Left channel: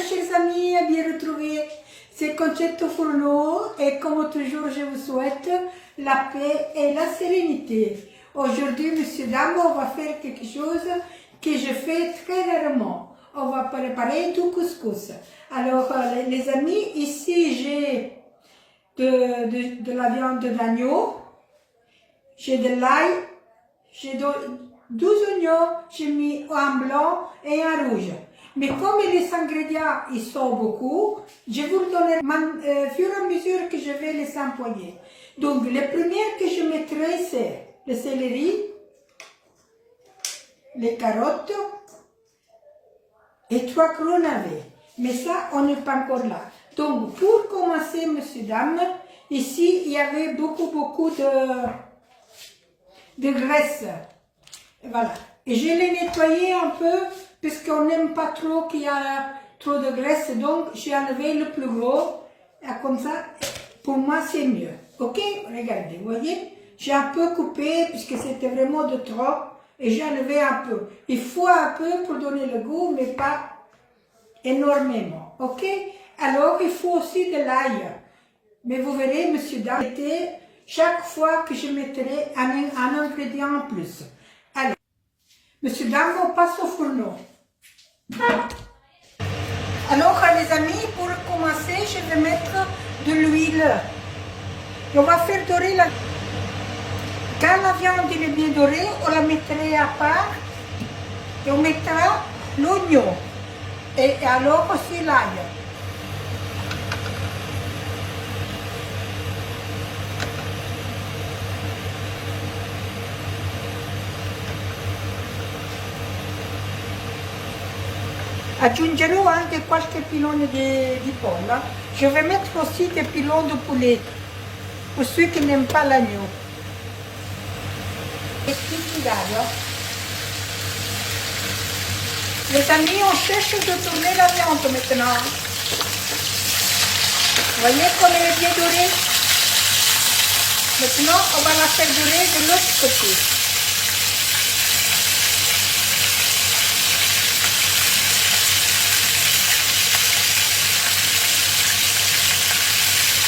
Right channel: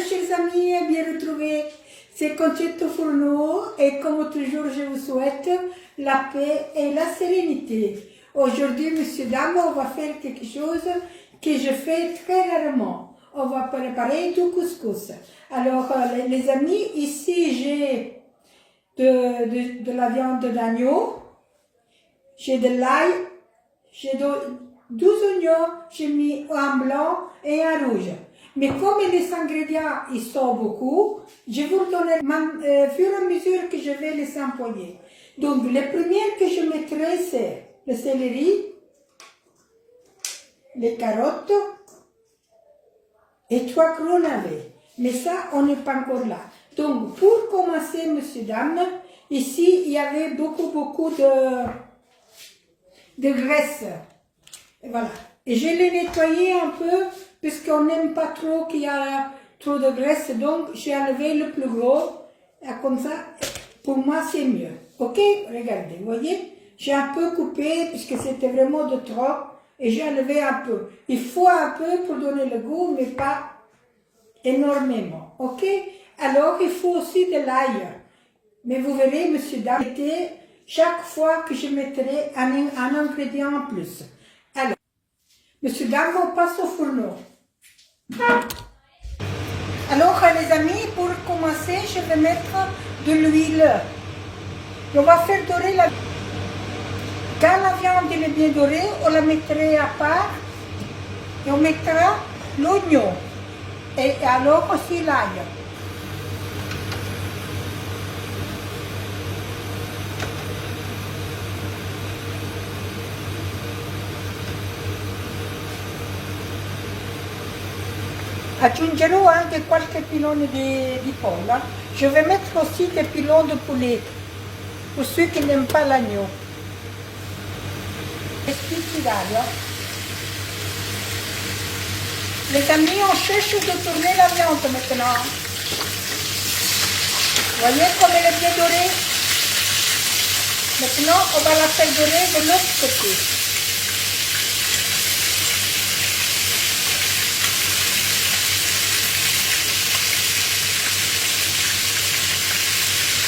chers amis, bien retrouvés. C'est Concetto Furno et comme toujours, je vous souhaite la paix et la sérénité. Aujourd'hui, messieurs, dames, on va faire quelque chose que je fais très rarement. On va préparer du couscous. Alors, les amis, ici, j'ai de la viande d'agneau, j'ai de l'ail, j'ai 12 oignons, j'ai mis un blanc et un rouge. Mais comme les ingrédients, ils sont beaucoup, je vous le donnerai au fur et à mesure que je vais les employer. Donc, les premières que je mettrai, c'est le céleri, les carottes et 3 gros navets. Mais ça, on n'est pas encore là. Donc, pour commencer, messieurs, dames, ici, il y avait beaucoup de graisse. Et voilà. Et je l'ai nettoyé un peu, puisqu'on n'aime pas trop qu'il y a trop de graisse. Donc, j'ai enlevé le plus gros. Et comme ça, pour moi, c'est mieux. Ok? Regardez, vous voyez? J'ai un peu coupé, puisque c'était vraiment de trop. Et j'ai enlevé un peu. Il faut un peu pour donner le goût, mais pas énormément. Ok? Alors, il faut aussi de l'ail. Mais vous verrez, monsieur, dame, chaque fois que je mettrai un ingrédient en plus. Alors, monsieur, dame, on passe au fourneau. Alors, les amis, pour commencer, je vais mettre de l'huile. On va faire dorer la... Quand la viande est bien dorée, on la mettra à part et on mettra l'oignon. Et alors aussi l'ail. Aggiungerò anche qualche pilone di pollo. Je vais mettre aussi des pilons de poulet pour ceux qui n'aiment pas l'agneau. Et puis d'ailleurs, les amis, on cherche de tourner la viande maintenant. Vous voyez comme elle est bien dorée? Maintenant, on va la faire dorer de l'autre côté.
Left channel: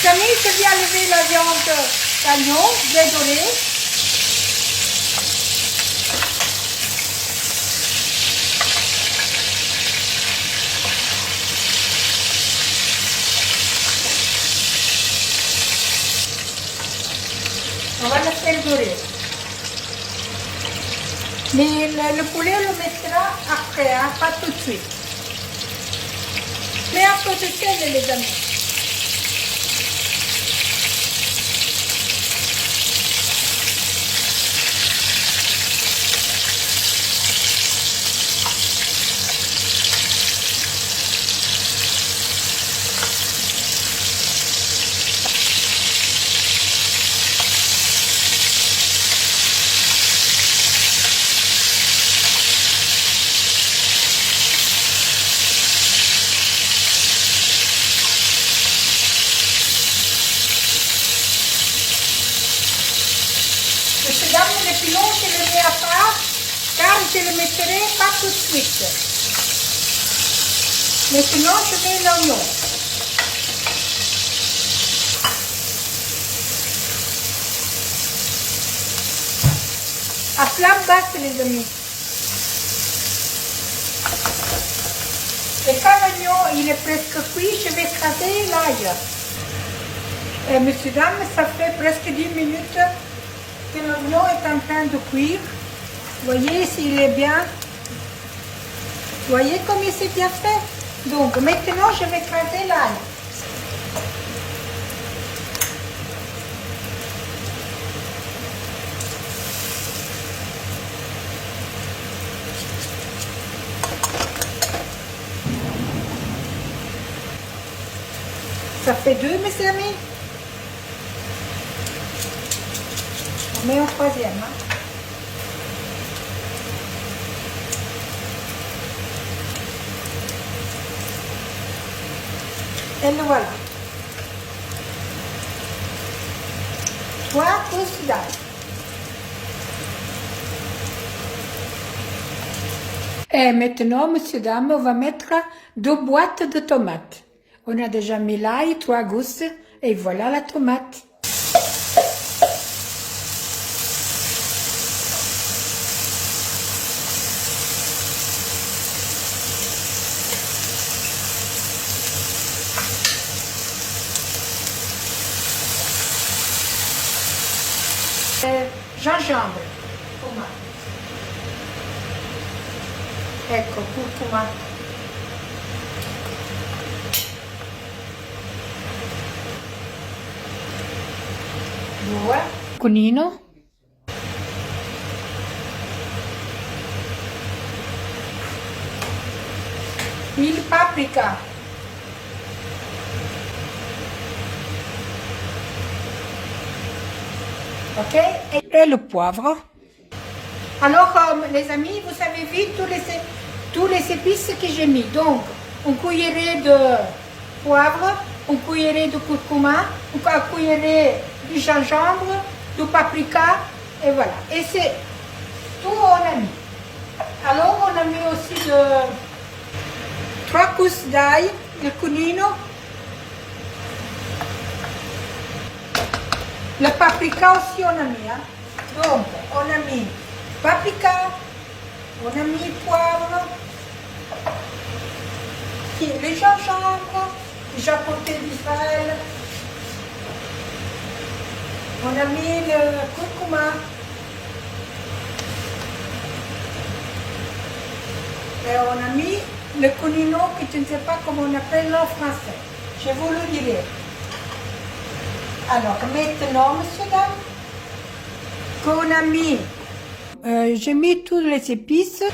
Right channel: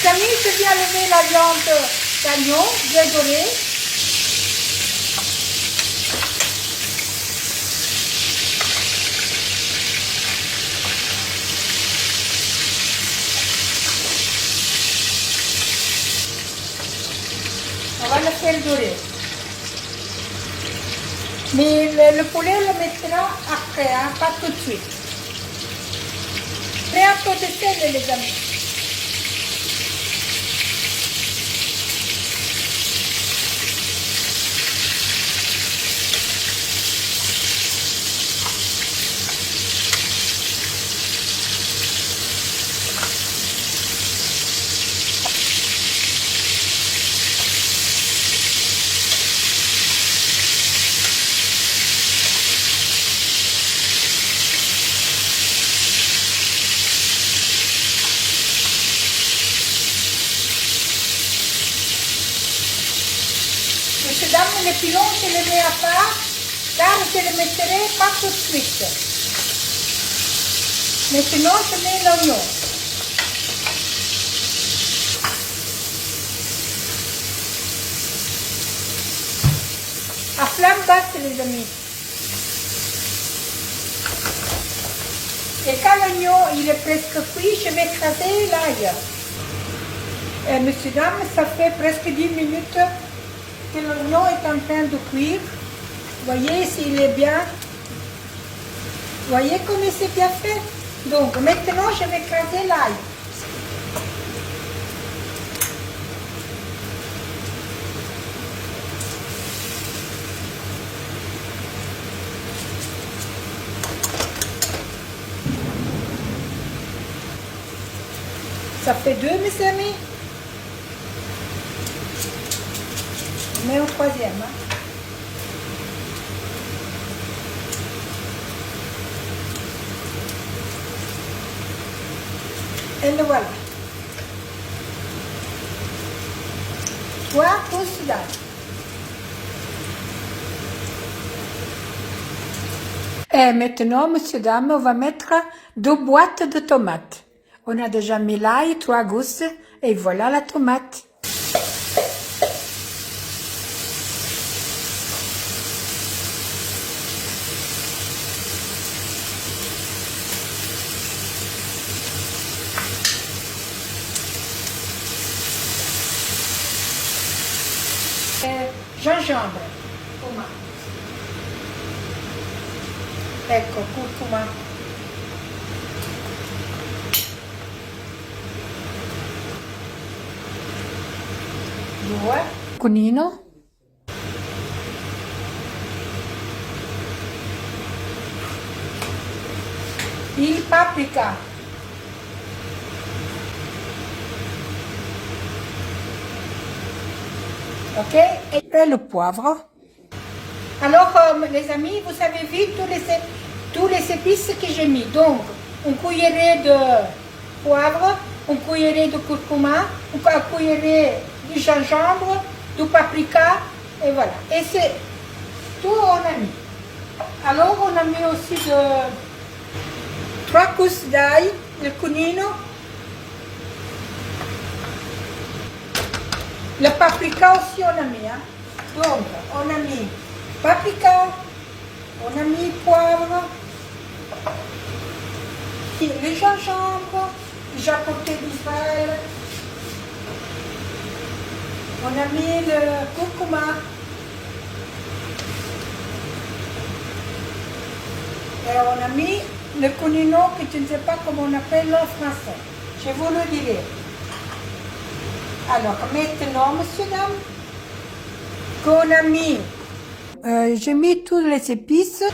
Amis, je viens lever la viande d'agneau, bien dorée. On va le faire dorer. Mais le poulet, on le mettra après, hein, pas tout de suite. Mais à côté de ça, les amis. Les pilons, je les mets à part, car je les mettrai pas tout de suite. Maintenant, je mets l'oignon. À flamme basse, les amis. Et quand l'oignon il est presque cuit, je vais écraser l'ail. Et messieurs, dames, ça fait presque 10 minutes que l'oignon est en train de cuire. Vous voyez s'il est bien. Vous voyez comme il s'est bien fait. Donc maintenant je vais écraser l'ail. Ça fait 2, mes amis. On met au troisième. Hein. Et le voilà. 3 pousses d'ail. Et maintenant, monsieur, dame, on va mettre 2 boîtes de tomates. On a déjà mis l'ail, 3 gousses, et voilà la tomate. Gingembre, curcuma. Ecco, curcuma. 2. Cunino. Il paprika. Ok, et le poivre. Alors, les amis, vous avez vu tous les épices que j'ai mis. Donc, une cuillerée de poivre, une cuillerée de curcuma, une cuillerée de gingembre, du paprika, et voilà. Et c'est tout on a mis. Alors, on a mis aussi 3 gousses d'ail, de cunino. Le paprika aussi on a mis. Hein. Donc, on a mis paprika, on a mis poivre, le gingembre, déjà porté d'Israël. On a mis le curcuma. Et on a mis le cunino, que je ne sais pas comment on appelle en français. Je vous le dirai. Alors maintenant, monsieur, dame, qu'on a mis, j'ai mis toutes les épices.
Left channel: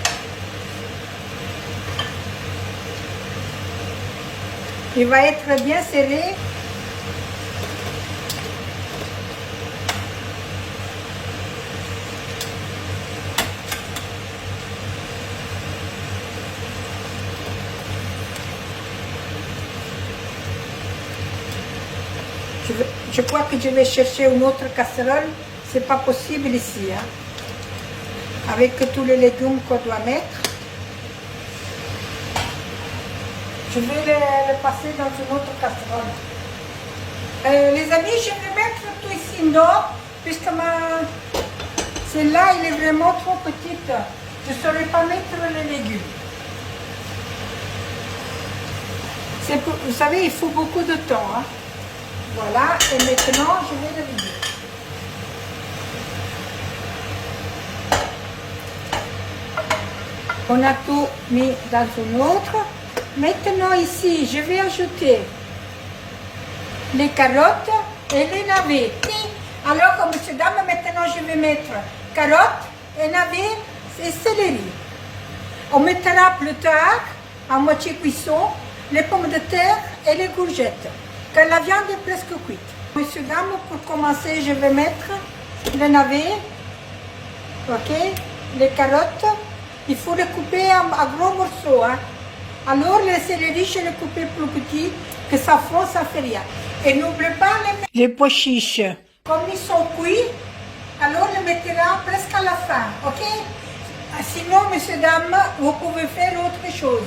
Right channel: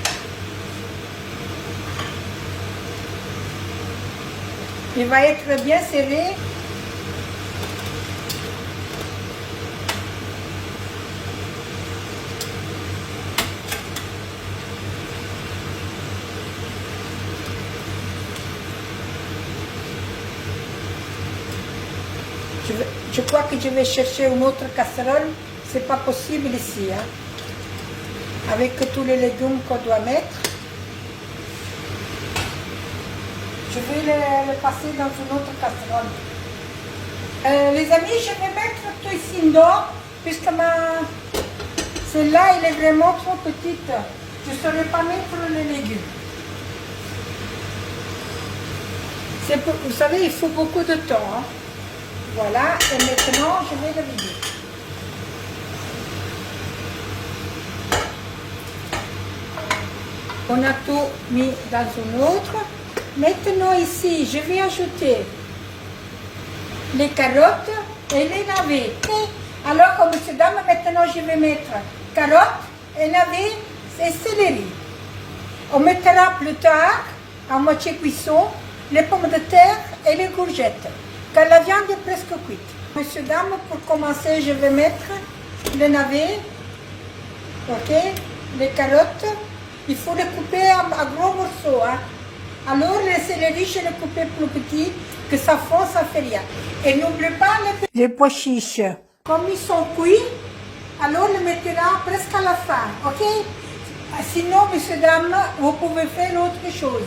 Il va être bien serré. Je crois que je vais chercher une autre casserole. C'est pas possible ici, hein. Avec tous les légumes qu'on doit mettre. Je vais le passer dans une autre casserole. Les amis, je vais mettre tout ici dehors, puisque celle-là, elle est vraiment trop petite. Je ne saurais pas mettre les légumes. Vous savez, il faut beaucoup de temps, hein. Voilà, et maintenant, je vais le vider. On a tout mis dans une autre. Maintenant, ici, je vais ajouter les carottes et les navets. Alors, monsieur, dame, maintenant, je vais mettre carottes et navets et céleri. On mettra plus tard, à moitié cuisson, les pommes de terre et les courgettes. Quand la viande est presque cuite. Monsieur, dame, pour commencer, je vais mettre le navet, ok, les carottes. Il faut les couper à gros morceaux. Hein. Alors, les céleri, je les coupe plus petits, que ça fond, ça fait rien. Et n'oubliez pas les pois chiches. Comme ils sont cuits, alors les mettra presque à la fin, ok? Sinon, monsieur, dame, vous pouvez faire autre chose.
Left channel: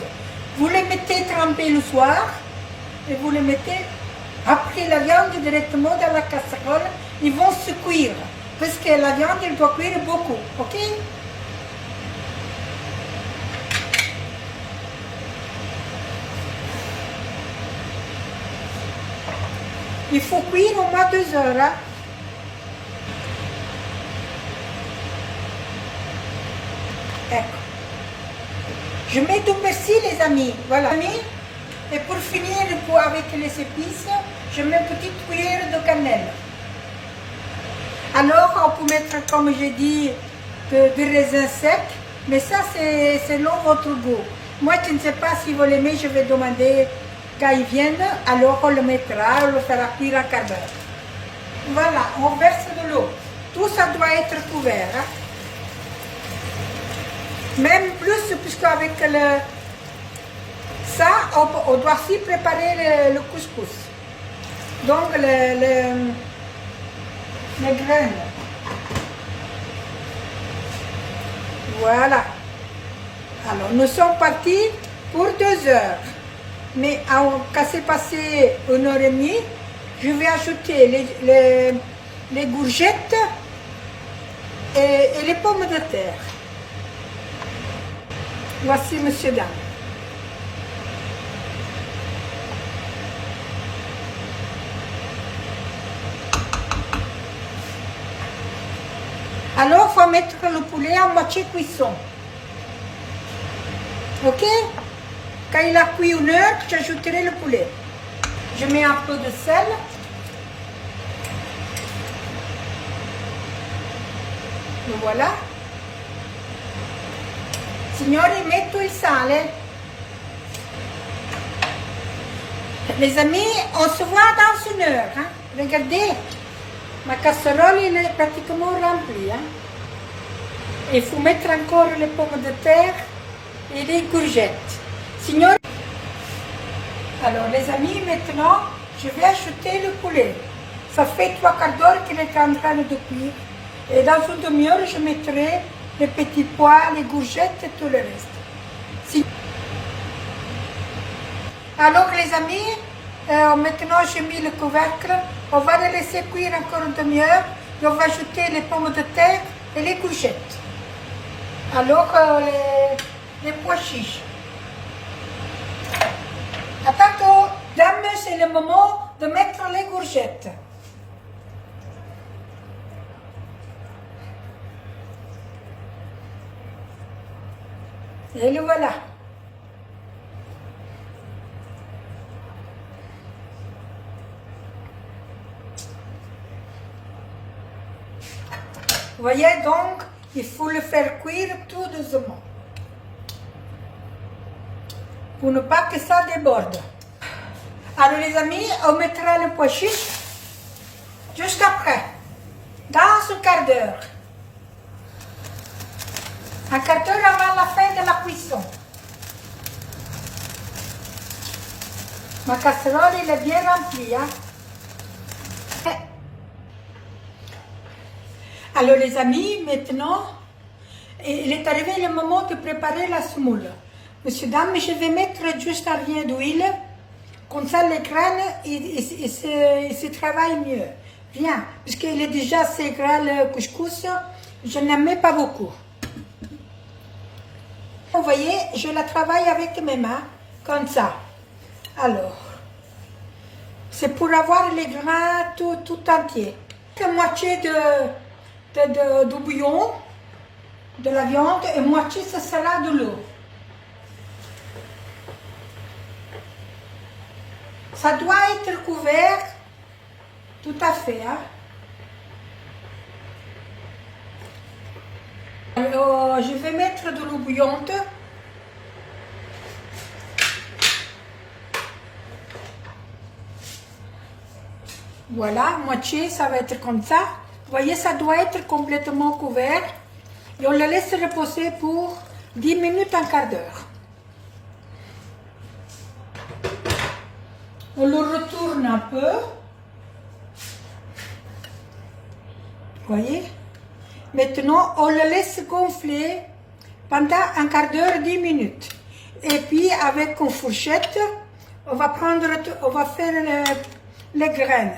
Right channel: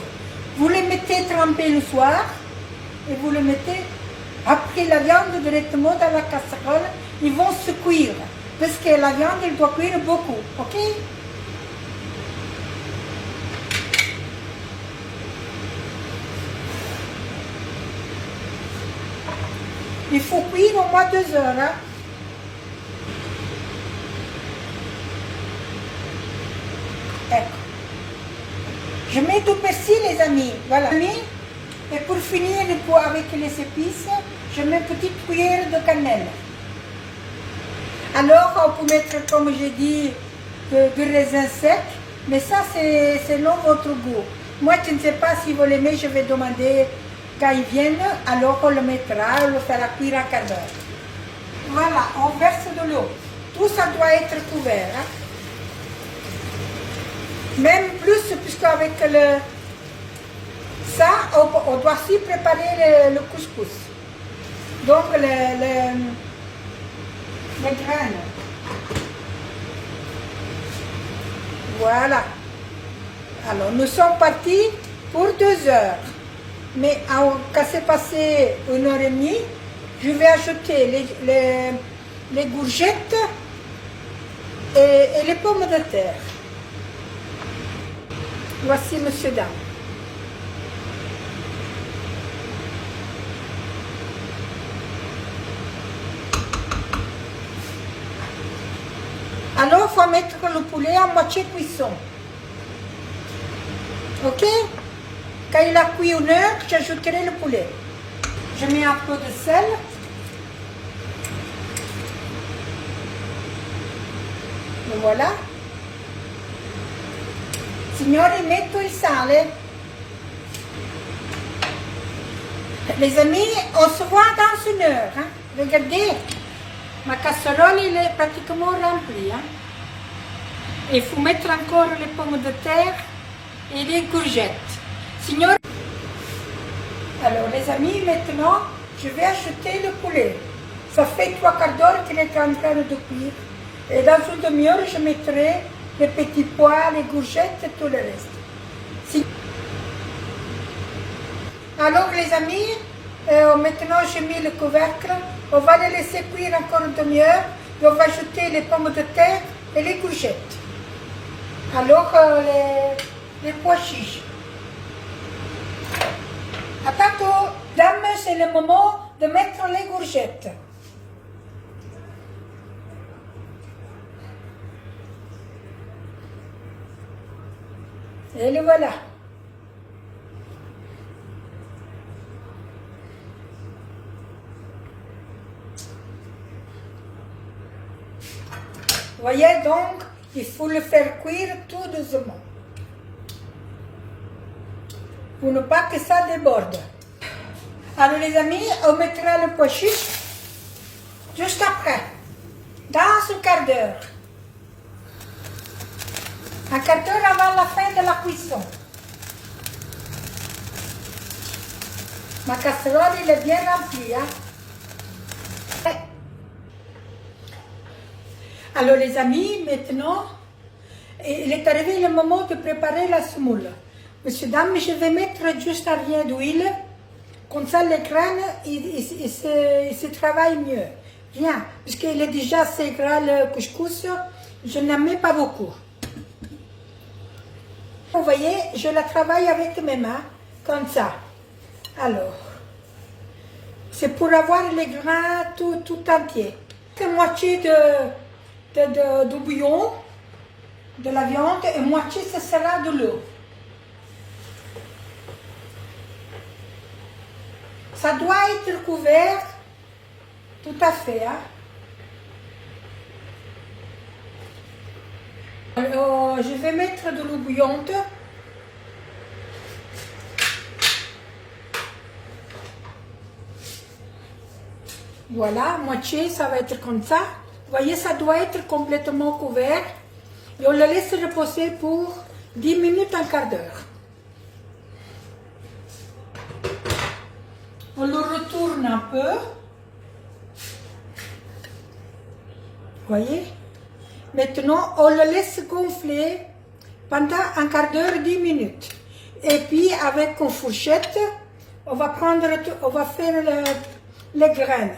Vous les mettez trempés le soir et vous les mettez après la viande directement dans la casserole. Ils vont se cuire parce que la viande, elle doit cuire beaucoup, ok? Il faut cuire au moins 2 heures. Hein? Ecco. Je mets du persil, les amis. Voilà. Et pour finir avec les épices, je mets une petite cuillère de cannelle. Alors, on peut mettre, comme j'ai dit, du raisin sec, mais ça, c'est selon votre goût. Moi, je ne sais pas si vous l'aimez, je vais demander quand ils viennent, alors on le mettra, on le fera cuire un quart d'heure. Voilà, on verse de l'eau. Tout ça doit être couvert. Hein? Même plus, puisqu'avec ça, on doit aussi préparer le couscous. Donc, les graines. Voilà. Alors, nous sommes partis pour 2 heures. Mais quand c'est passé 1 heure et demie, je vais ajouter les courgettes et les pommes de terre. Voici monsieur, dame. Alors, il faut mettre le poulet à moitié cuisson. Ok? Quand il a cuit 1 heure, j'ajouterai le poulet. Je mets un peu de sel. Le voilà. Signori, metto il sale. Les amis, on se voit dans 1 heure. Hein? Regardez, ma casserole il est pratiquement remplie. Hein? Il faut mettre encore les pommes de terre et les courgettes. Signori, alors les amis, maintenant, je vais ajouter le poulet. Ça fait 3/4 d'heure qu'il est en train de cuire. Et dans 1 demi-heure, je mettrai les petits pois, les courgettes et tout le reste. Alors les amis, maintenant j'ai mis le couvercle. On va les laisser cuire encore 1 demi-heure. Et on va ajouter les pommes de terre et les courgettes. Alors les pois chiches. À tantôt, dames, c'est le moment de mettre les courgettes. Et le voilà. Vous voyez donc, il faut le faire cuire tout doucement. Pour ne pas que ça déborde. Alors les amis, on mettra le pois chiche juste après, dans 1/4 d'heure. 1/4 d'heure avant la fin de la cuisson. Ma casserole elle est bien remplie. Hein? Alors les amis, maintenant, il est arrivé le moment de préparer la semoule. Monsieur, dame, je vais mettre juste un rien d'huile. Comme ça, les graines, il se travaille mieux. Bien, parce qu'il est déjà assez gras le couscous, je n'en mets pas beaucoup. Vous voyez, je la travaille avec mes mains, comme ça. Alors, c'est pour avoir les grains tout entiers. La moitié de bouillon, de la viande, et moitié, ce sera de l'eau. Ça doit être couvert tout à fait. Hein? Alors, je vais mettre de l'eau bouillante. Voilà, moitié, ça va être comme ça. Vous voyez, ça doit être complètement couvert. Et on le laisse reposer pour 10 minutes, 1/4 d'heure. On le retourne un peu. Vous voyez? Maintenant, on le laisse gonfler pendant 1/4 d'heure, 10 minutes. Et puis, avec une fourchette, on va faire les graines.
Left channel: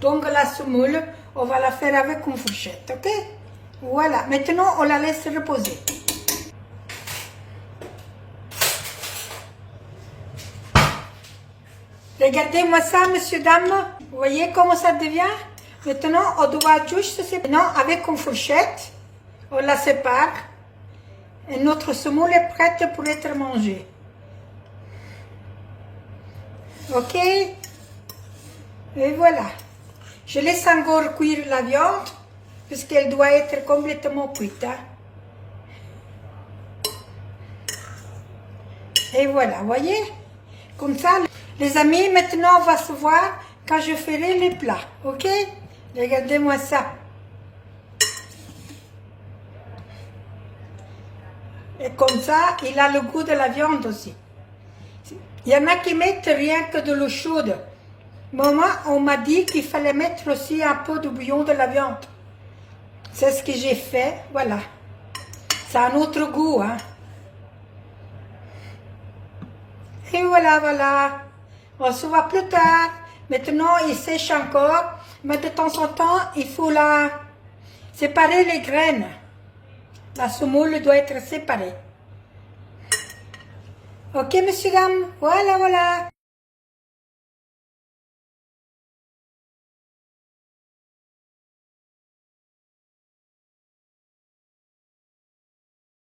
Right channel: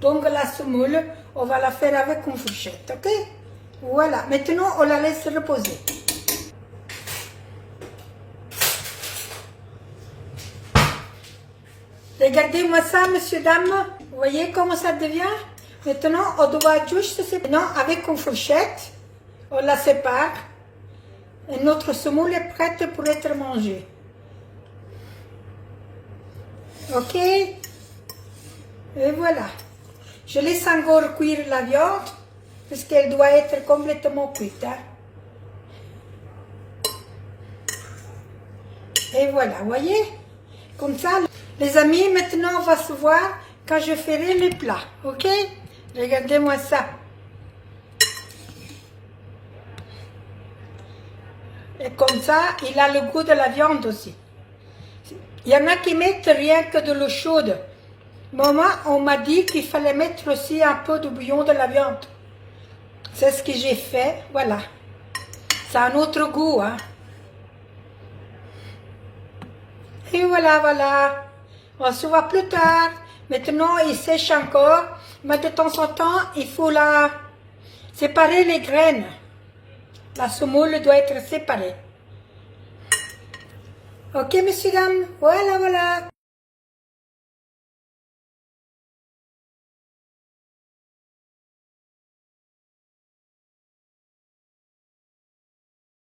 Donc, la semoule, on va la faire avec une fourchette, ok? Voilà. Maintenant, on la laisse reposer. Regardez-moi ça, monsieur, dame. Vous voyez comment ça devient? Maintenant, on doit juste séparer. Maintenant, avec une fourchette, on la sépare. Et notre semoule est prête pour être mangée. Ok? Et voilà. Je laisse encore cuire la viande, parce qu'elle doit être complètement cuite. Hein? Et voilà, vous voyez? Comme ça, les amis, maintenant, on va se voir quand je ferai les plats, ok? Regardez-moi ça. Et comme ça, il a le goût de la viande aussi. Il y en a qui mettent rien que de l'eau chaude. Maman, on m'a dit qu'il fallait mettre aussi un peu de bouillon de la viande. C'est ce que j'ai fait, voilà. Ça a un autre goût, hein. Et voilà, voilà. On se voit plus tard. Maintenant, il sèche encore. Mais de temps en temps, il faut la séparer les graines. La semoule doit être séparée. Ok, messieurs, dames. Voilà, voilà.